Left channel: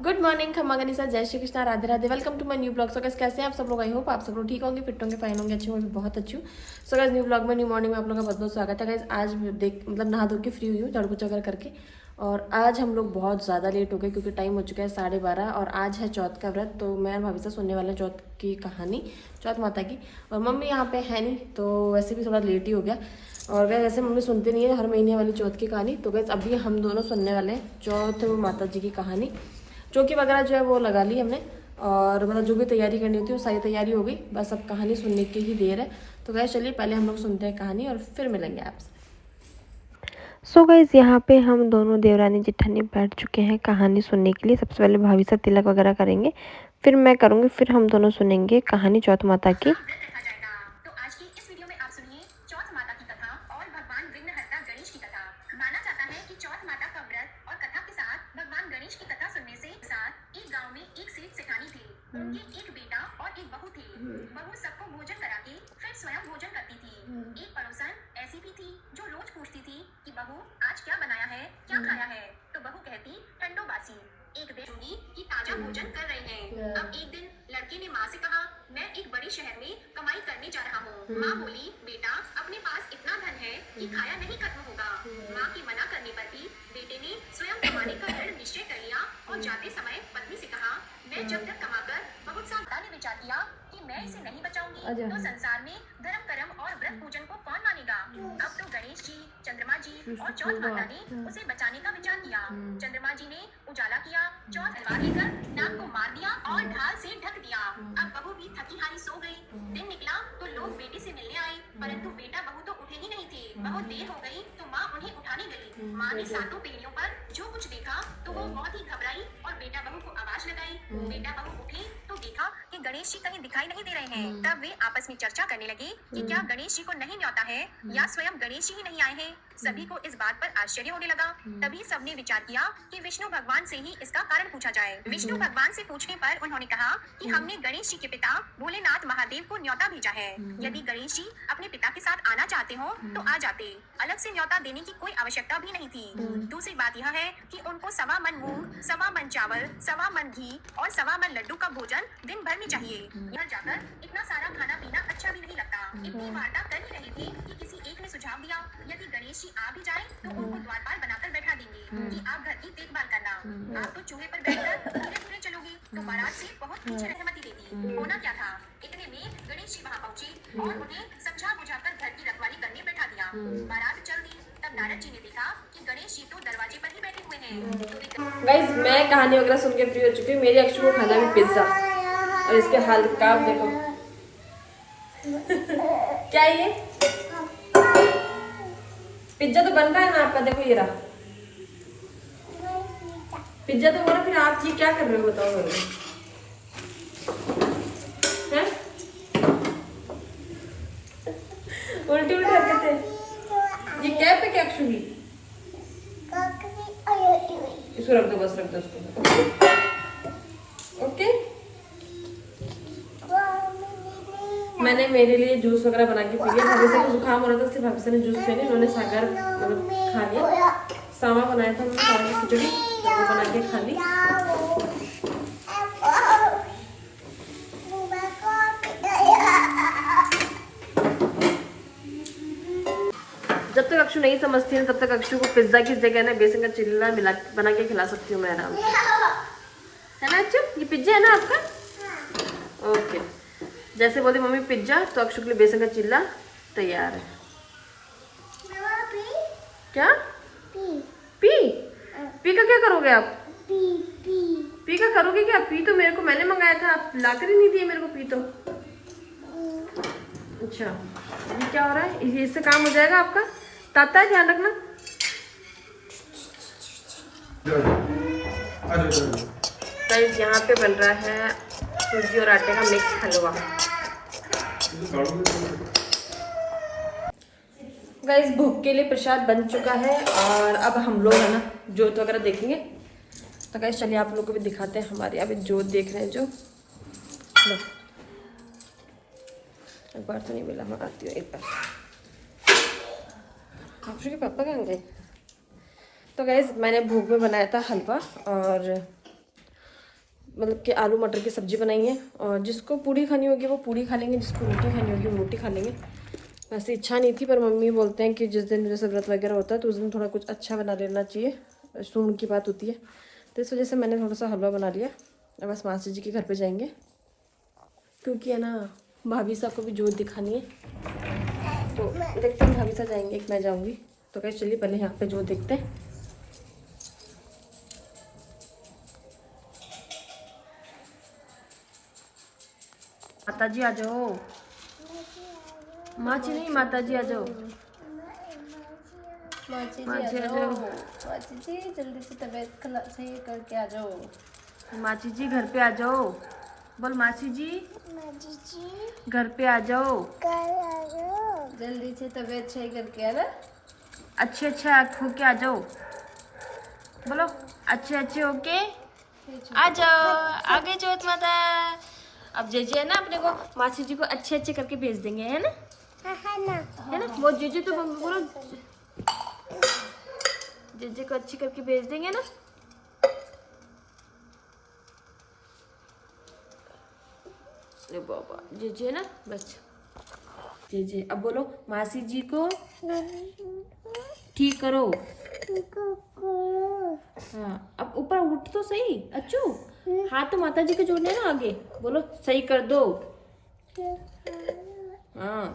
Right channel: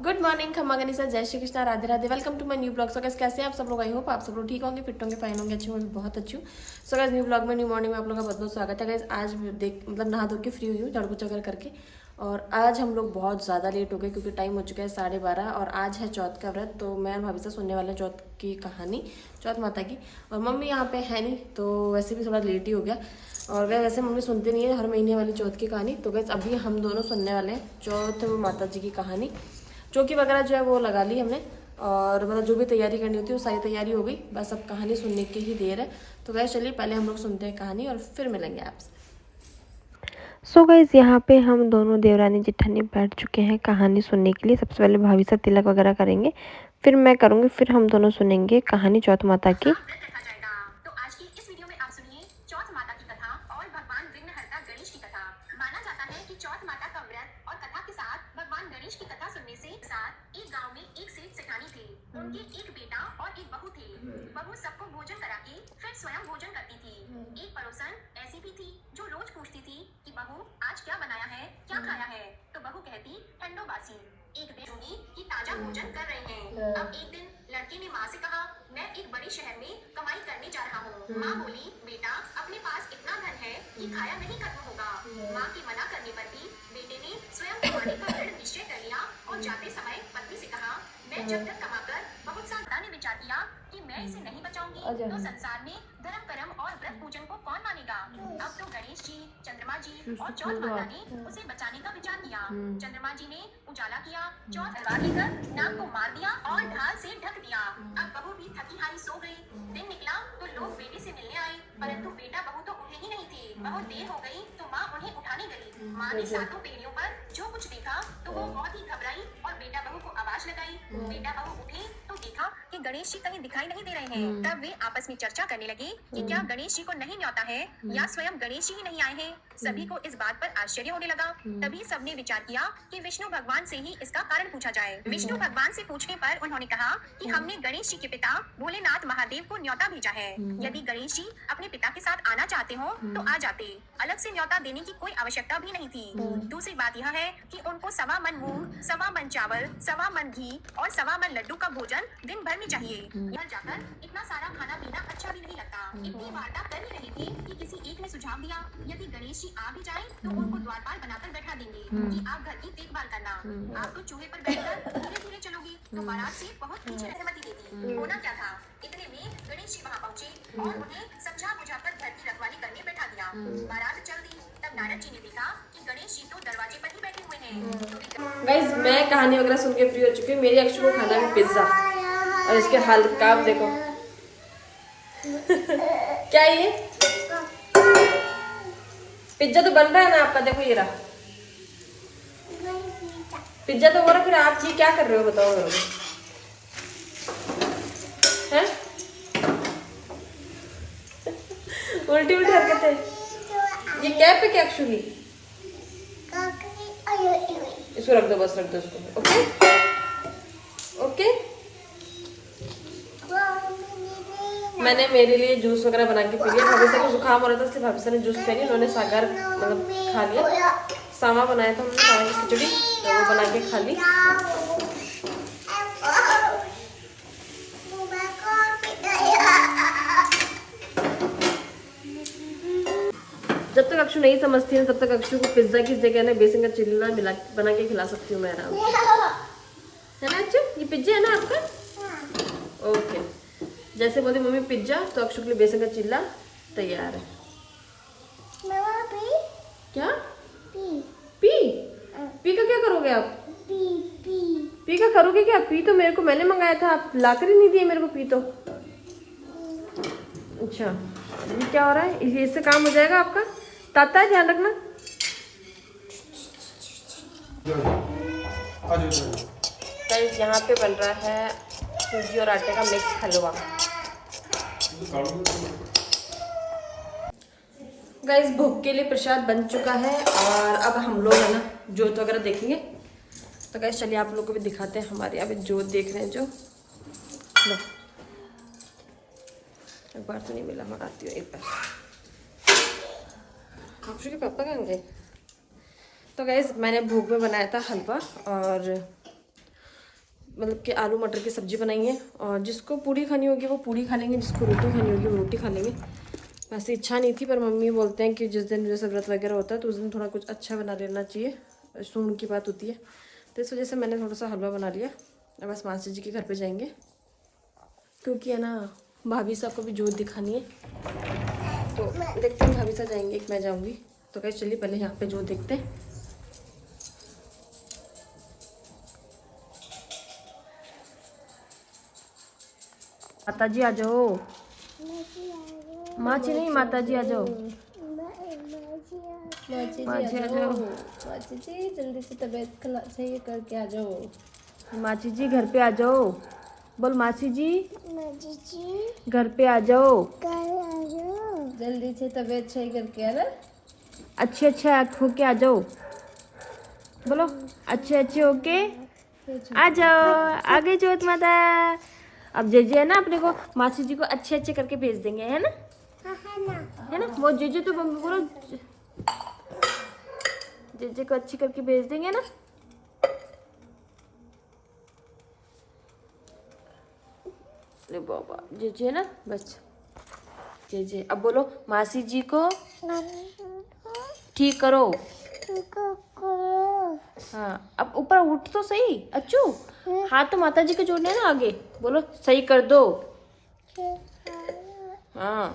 Good morning खम्मा गनीसा, जय Shri Krishna, Radhe Radhe. Welcome to my new blog. So guys कैसे हैं आप सब लोग? आई होप आप सब लोग ठीक होंगे, फिट होंगे, फाइन होंगे, अच्छे होंगे, बहुत अच्छी हूँ। सो गाइस न्यू ब्लॉग में, न्यू मॉर्निंग में आप लोगों का बहुत बहुत स्वागत है। गाइस आज नहा धो के फ्री हुई हूँ, झाड़ू पोछा वगैरह करके। और आज हम लोग बहुत ज़्यादा लेट हो गए क्योंकि टाइम हो चुका है 12:30 और आज है चौथ का व्रत। तो मैं भाभी से सुनने वाले हैं चौथ की कहानी, चौथ माता की। और मम्मी यहाँ पे है नहीं तो वैसे भी थोड़ा लेट ही हो गया। और वैसे मम्मी सुनती नहीं है हर महीने वाली चौथ की कहानी। तो गैस अभी हम दोनों सुनने वाले हैं चौथ माता जी की कहानी। चौकी वगैरह जो है वो लगा ली हमने, और मतलब जो भी तैयारी करनी होती है वो सारी तैयारी हो गई, बस अब कहानी सुनने की ही देर है। तो गैस चलिए पहले हम लोग सुनते हैं कहानी और फिर मिलेंगे आपसे। सो गाइस यहाँ पे हम दोनों देवरानी जेठानी बैठ चुके हैं कहानी सुनने के लिए। सबसे पहले भाभी सा तिलक वगैरह करेंगे, फिर मैं करूँगी, फिर हम दोनों सुनेंगे कहानी चौथ माता की। तो आज की इस वीडियो में आप सुनिए चौथ माता की कथा और भगवान विघ्नहर्ता गणेश की कथा। माना जाता है कि चौथ माता का व्रत और कथा के साथ भगवान गणेश की कथा सुनने से साथ एक गांव में एक सेठ सेठानी थे। उनके एक बेटा और एक बहू थे। बहू सबको भोजन करा के फिर स्वयं भोजन करती थी। एक पड़ोसन ऐसी भी थी जो रोज पूछती थी कि बहू आज क्या बनाया है, क्या खाया है। तो बहू कहती ठंडो बासी। एक दिन सुनी कि ताजा भोजन कर रहे हैं। अब एक दिन लड़के ने माँ से कहा, मैं एक बड़े शहर में कमाई करने जा रहा हूँ। माँ बोली, बेटा अपने पास इतना धन है कि खाया नहीं खत्म होगा। माँ के मना करने पर भी बेटे ने स्वयं कमाने का दृढ़ निश्चय कर लिया और जाते समय पत्नी से कहा, मैं जब तक कमाकर बहुत सा ने विचार किया कि मैं इसे नहीं बचाऊंगी तो संसार में धर्म कर्म और व्रत पूजन को कौन मानेगा। अब तो गणेश जी, चंद्रमा जी और चौथ माता ने उसे बचाने का विचार किया। चंद्रमा जी ने उजाला किया, चौथ लेकर नाग को मार दिया और ढाल से ढक दिया। अब बहू भी थकी हारी सो गई। दिन निकला तो लोग बेटे से मिलने आए, परंतु बेटा बहू तो उठे ही नहीं थे। बहुत देर हो गई तो माँ उन्हें उठाने गई। माँ ने सातों पीढ़ियों पर जो कुछ देखा तो वो बहुत ही घबराई और बेटा बहू को आवाज लगाई। बेटा बहू उठे तो देखा कि गणेश जी कहीं दिखाई नहीं दे रहे हैं। तब वे आपस में चर्चा करने लगे कि क्या गणेश जी को नहीं न्योता है या स्वयं गणेश जी ही नहीं आए हैं। सभी को इस बात पर आश्चर्य होने लगा। तभी सबने विचार किया कि विष्णु भगवान से ही इसका कारण पूछा जाए। विष्णु भगवान से पूछने पर उन्होंने कहा कि हमने गणेश जी के पिता भोलेनाथ महादेव को न्योता भेजा है। यदि गणेश जी अपने पिता के साथ आना चाहते हो तो आ जाते, अलग से न्योता देने की कोई आवश्यकता भी नहीं थी। दूसरी बात यह है कि उनको 1.25 मन मूंग, 1.25 मन चावल, 1.25 मन घी और 1.25 मन लड्डू का भोजन दिन भर में चाहिए। यहाँ जाकर इतना सारा खाना पीना अच्छा भी नहीं लगता। इतनी वार्ता कर ही रहे थे कि किसी एक ने सुझाव दिया, यदि गणेश जी आ भी जाएं तो उनको द्वारपाल बनाकर बैठा देंगे कि आप घर की देखभाल करना। आप तो चूहे पर बैठकर धीरे धीरे चलोगे तो बारात से बहुत पीछे सहमति देगी। होना क्या था, इतने में गणेश जी वहाँ पहुँचे और उन्हें समझा बुझाकर घर की रखवाली करने बैठा दिया। बारात चल दी। तब नारद जी ने देखा कि गणेश जी तो दरवाजे पर ही बैठे हुए हैं। गाइस मैं कहानी वगैरह सुन के फ्री हो चुकी हूँ। मेरी अक्षु को खाना है पिज्जा और इसके हाल का आप देखो। क्या ये पिज्जा तो बन रहा है ना आपका, देखो ये रहा पिज्जा तो हो रहा। फिर आप ये क्या कर रहे हो बताओ मुझे, हैं? उल्टी उल्टी हरकतें। ये कैप है क्या एक्चुअली? इसको रख दो, बस रख दो उसको। Okay okay. मैंने मेरे लिए जूस वगैरह बना के पी लिया। भाभी से भी जुकाम हो रहा था इसलिए भाभी से ने जूस पिया नहीं। उन्होंने सागर मतलब खा लिया। सामा बनाया था हमने, सामा की खिचड़ी, तो वो बना के खा ली। जब तक अक्षु नहीं समझती है तब तक अक्षु को पिज्जा की जगह ना बेसन का चिल्ला बना के खिला सकती हूँ मैं आराम से, है ना अक्षु? ये पिज्जा है ना आपका? ओके। जैसे बोलती मम्मी पिज्जा तो अक्षु के लिए बेसन का चिल्ला तैयार है। क्या पी पी का क्या करोगे आप? पी का करोगे क्या? पी तो मेरे को मैंने मंगाया था, आप लाकर ही नहीं दिए मेरे को पी तो। अच्छा ये क्या हो रहा है? इससे काम हो जाएगा आपका? ताता है, ध्यान रखना। गाइस यहाँ पे बन रहा है सूजी और आटे का मिक्स हलवा। गाइस भोग के लिए प्रसाद बन चुका है और अब हम लोग है ना जोत वगैरह देखेंगे। तो गाइस चलिए आप लोगों को भी दिखाते हैं। हमारे यहाँ पे जोत देख रहे हैं जो, लो एक बार तो नहीं मिला, मैं आती हूँ एक बार। आपके पापा कहाँ गए? तो गाइस मैंने भोग में बनाया था हलवा और मतलब कि आलू मटर की सब्जी बनाई है। और जिसको पूड़ी खानी होगी वो पूड़ी खा लेंगे, जिसको रोटी खानी होगी वो रोटी खा लेंगे। वैसे इच्छा नहीं थी, पर मम्मी बोलते हैं कि जिस दिन जैसे व्रत वगैरह होता है तो उस दिन थोड़ा कुछ अच्छा बना लेना चाहिए, सुन की बात होती है। तो इस वजह से मैंने थोड़ा सा हलवा बना लिया। अब बस मासी जी के घर पे जाएंगे, क्योंकि है ना भाभी साहब को भी जोत दिखानी है। तो देखते हैं भाभी साहब जाएंगे कि मैं जाऊँगी। तो कैसे चलिए पहले यहाँ पे जोत देखते हैं। माता जी आ जाओ। माची नहीं, माता जी आ जाओ। माची माची जी आ आ जाओ। जाओ। माची जी जल्दी से तबीयत सही करके आ जाओ। माची जी घर पे आ जाओ। बोल माची जी घर पे आ जाओ। जल्दी से तबीयत सही करके आना। अच्छे अच्छे होके आ जाओ। बोलो अच्छे अच्छे होके आ जाओ। आगे जोत माता। अब जेजे है ना, अपने को मासी जी को अच्छे अच्छे करके भेज देंगे, है ना? है ना? वो जेजे तो बोलो जेजे को अच्छी करके भेज देंगे ना। अरे बाबा जेजे है ना, बस जेजे। अब बोलो मासी जी को ठीक करो। हाँ अब ऊपर उठ तो सही अच्छू। हाथ तो माता जी के जोड़ने ना आगे। बोलो सही कर दो। हाँ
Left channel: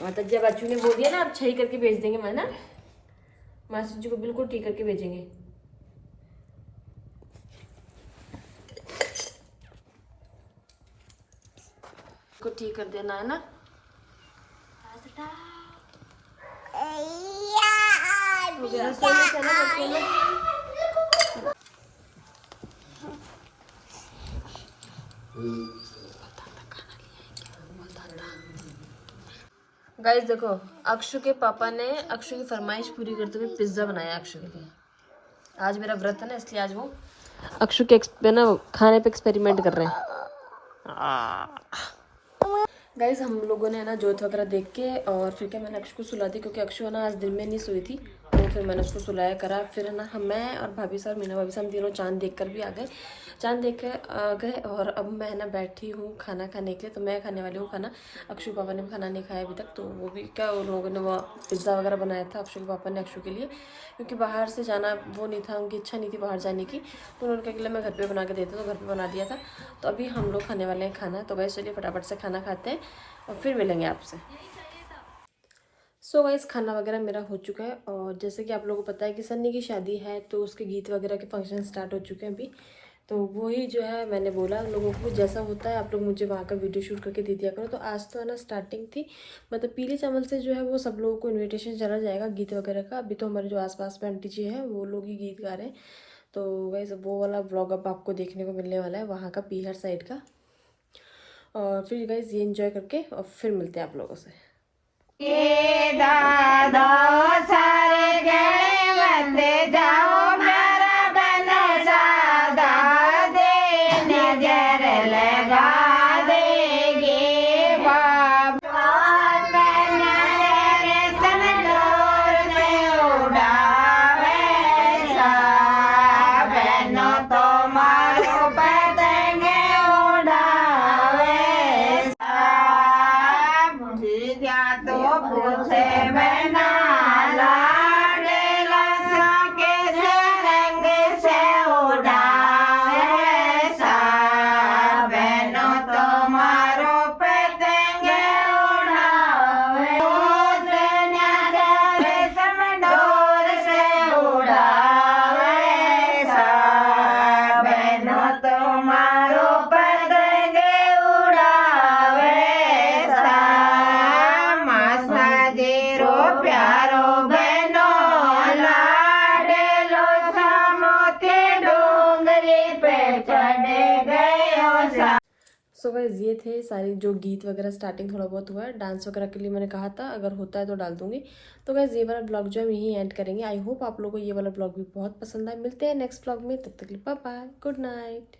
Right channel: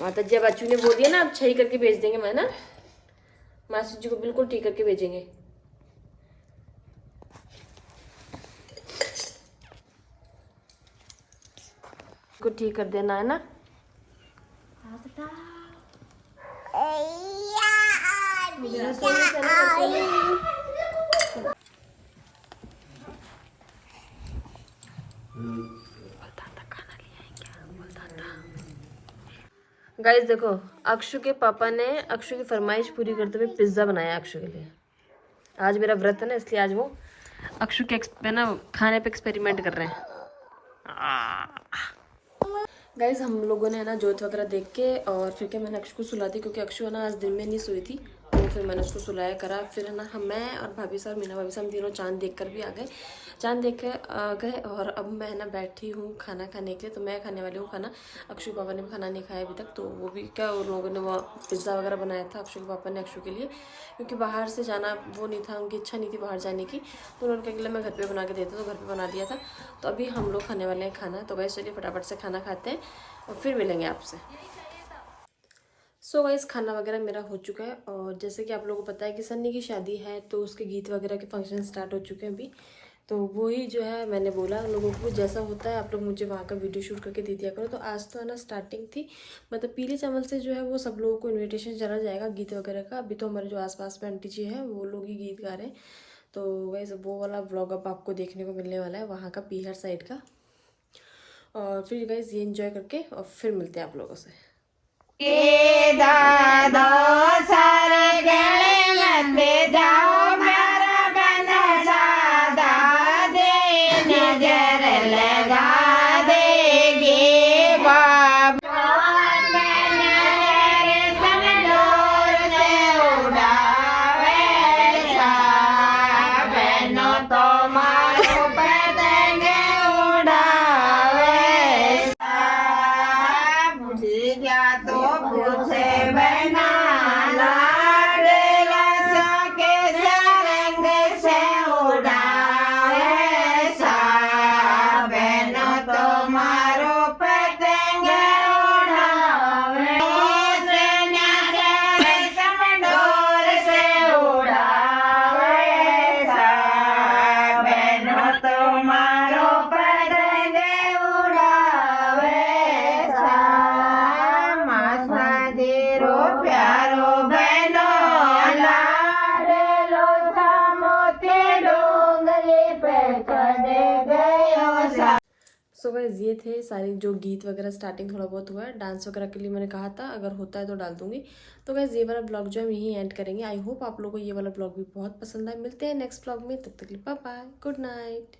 माता जी अब अच्छू ने बोल दिया ना, अब सही करके भेज देंगे, मैं ना मासी जी को बिल्कुल ठीक करके भेजेंगे। को ठीक कर देना है ना। रसोई में चलो, रसोई में। गाइस देखो, अक्षु के पापा ने अक्षु की फरमाइश पूरी करते हुए पिज्जा बनाया अक्षु के लिए। आज मेरा व्रत है ना, इसलिए आज वो अक्षु के ना खाने पे एक्सपेरिमेंट कर रहे हैं। गाइस हम लोगों ने है ना जोत वगैरह देख के और फिर क्या मैंने अक्षु को सुला दी, क्योंकि अक्षु है ना आज दिन में नहीं सोई थी। तो फिर मैंने उसको सुलाया करा। फिर है ना मैं और भाभी साहब, मीना भाभी साहब, हम तीनों चांद देख कर भी आ गए। चांद देख कर आ गए और अब मैं है ना बैठी हूँ खाना खाने के लिए। तो मैं खाने वाली हूँ खाना। अक्षु पापा ने भी खाना नहीं खाया अभी तक। तो वो भी क्या, उन लोगों ने वो पिज़्ज़ा वगैरह बनाया था अक्षु के पापा ने अक्षु के लिए, क्योंकि बाहर से जाना वो नहीं था, उनकी इच्छा नहीं थी बाहर जाने की। तो उन्होंने कहा कि मैं घर पे बना के देती हूँ, तो घर पे बना दिया था। तो अभी हम लोग खाने वाले हैं खाना। तो गाइस चलिए फटाफट से खाना खाते हैं और फिर मिलेंगे आपसे। सो गाइस खाना वगैरह मेरा हो चुका है। और जैसे कि आप लोगों को पता है कि सन्नी की शादी है, तो उसके गीत वगैरह के फंक्शन स्टार्ट हो चुके हैं अभी। तो वही जो है मैंने बोला लोगों को जैसा होता है आप लोग मुझे वहाँ का वीडियो शूट करके दे दिया करो। तो आज तो है ना स्टार्टिंग थी, मतलब पीले चावल से जो है वो सब लोगों को इन्विटेशन चला जाएगा गीत वगैरह का। अभी तो हमारे जो आसपास में आंटी जी हैं वो लोग ही गीत गा रहे हैं। तो वैसे वो वाला व्लॉग अब आपको देखने को मिलने वाला है वहाँ का, पीहर साइड का। और फिर गाइस ये एंजॉय करके और फिर मिलते हैं आप लोगों से। सो गाइस ये थे सारी जो गीत वगैरह स्टार्टिंग थोड़ा बहुत हुआ है। डांस वगैरह के लिए मैंने कहा था अगर होता है तो डाल दूंगी। तो गाइस ये वाला ब्लॉग जो हम यहीं एंड करेंगे। आई होप आप लोगों को ये वाला ब्लॉग भी बहुत पसंद आए। मिलते हैं नेक्स्ट ब्लॉग में, तब तक के लिए बाय बाय, गुड नाइट।